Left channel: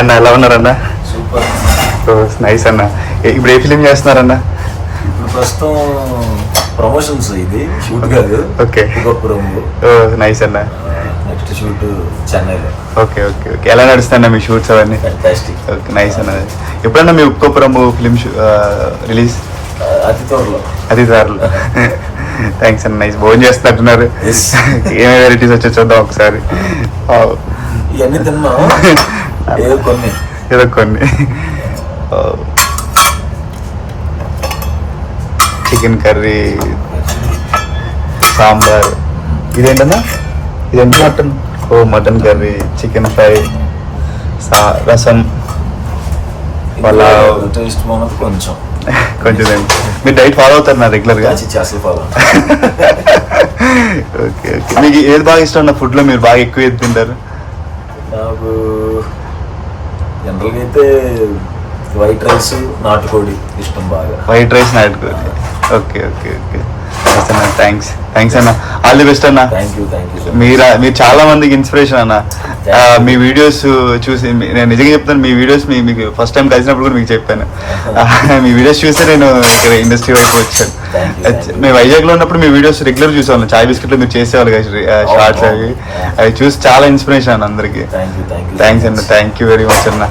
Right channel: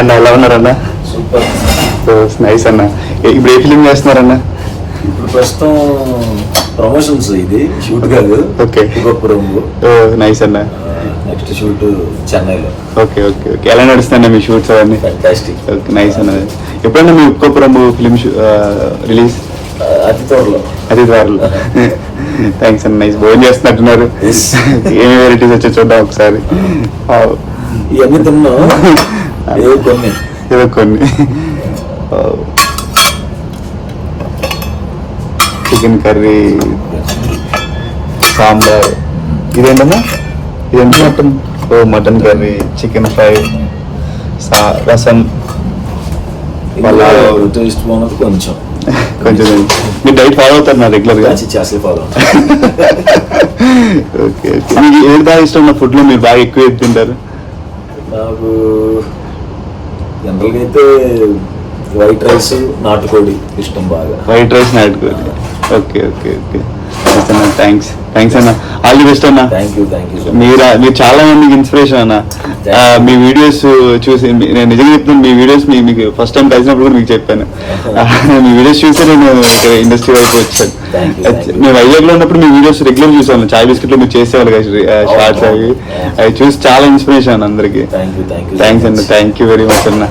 అన్న ఎలా ఉన్నారన్న? సూపర్. నైస్ అన్న. ఇప్పుడు ఏ ఫిలిం చేస్తున్నారన్న? ఇప్పుడు ప్రస్తుతం ప్రమోషన్స్, ఇది షూట్ కాదు. ఓకే. నైస్ అన్న. నెక్స్ట్ షూట్ చెన్నైలో. Okay okay okay. ఎలా నడుస్తాను మీ షూట్స్ అవన్నీ? ఫ్యాంటాస్టిక్. ఓకే నైస్ అన్నది. ఎప్పుడన్నా మీ ఒక్కొక్కరం ఫిలిం రిలీజ్? అతి త్వరలో. థ్యాంక్స్ అన్న. నైస్. భోజనం చేస్తున్నట్టున్నారు. ఏం వెరైటీస్ వచ్చి చూద్దాం ఒకసారి. ఇవన్నీ తిన్నాం, ఏదో కొన్ని. Chicken curry, sambar. ఇదేంటన్నా? ఇదేంటి? Mutton. Mutton curry, chicken fry, rasam. Taste బాగున్నది కొంచెం. మీరు డైట్ ఫాలో అవుతారు రెగ్యులర్ గా? అసలు ఫాలో. Okay okay. మీకు ఏది బాగా ఇష్టం అన్న ఫుడ్ లో? మీరు బాగా ఎక్కువ ఏది తింటారు? నాకు జనరల్గా అయితే వైట్ రైస్, నాటుకోడి ఇష్టం బాగా. వైట్ రైస్, నాటుకోడి. Okay okay okay. థ్యాంక్స్ అన్న. ఆల్ ది బెస్ట్ అన్న. Thank you. మీరు చాలా మందికి ఇన్స్పిరేషన్ అన్న. మీ వీడియోస్ చూసి నేను నిజంగా చెప్తాను, మీ వీడియోస్ మీకు ఫస్ట్ టైం కలిసినప్పుడు కూడా మీకు చెప్పాను. మీ వీడియోస్ చూసి నేను ఇండస్ట్రీ వైపు వచ్చాను. మేము వైజాగ్ లో ఉన్నప్పుడు మీ వీడియోస్ రెగ్యులర్ చూసాను. చాయ్ బిస్కెట్ లో మీరు చేసేవాళ్ళు షార్ట్స్ అవి చూసి చాలా ఇన్స్పిరేషన్ అందరికి. థ్యాంక్ యూ అన్న. థ్యాంక్ యూ వెరీ మచ్ అన్న.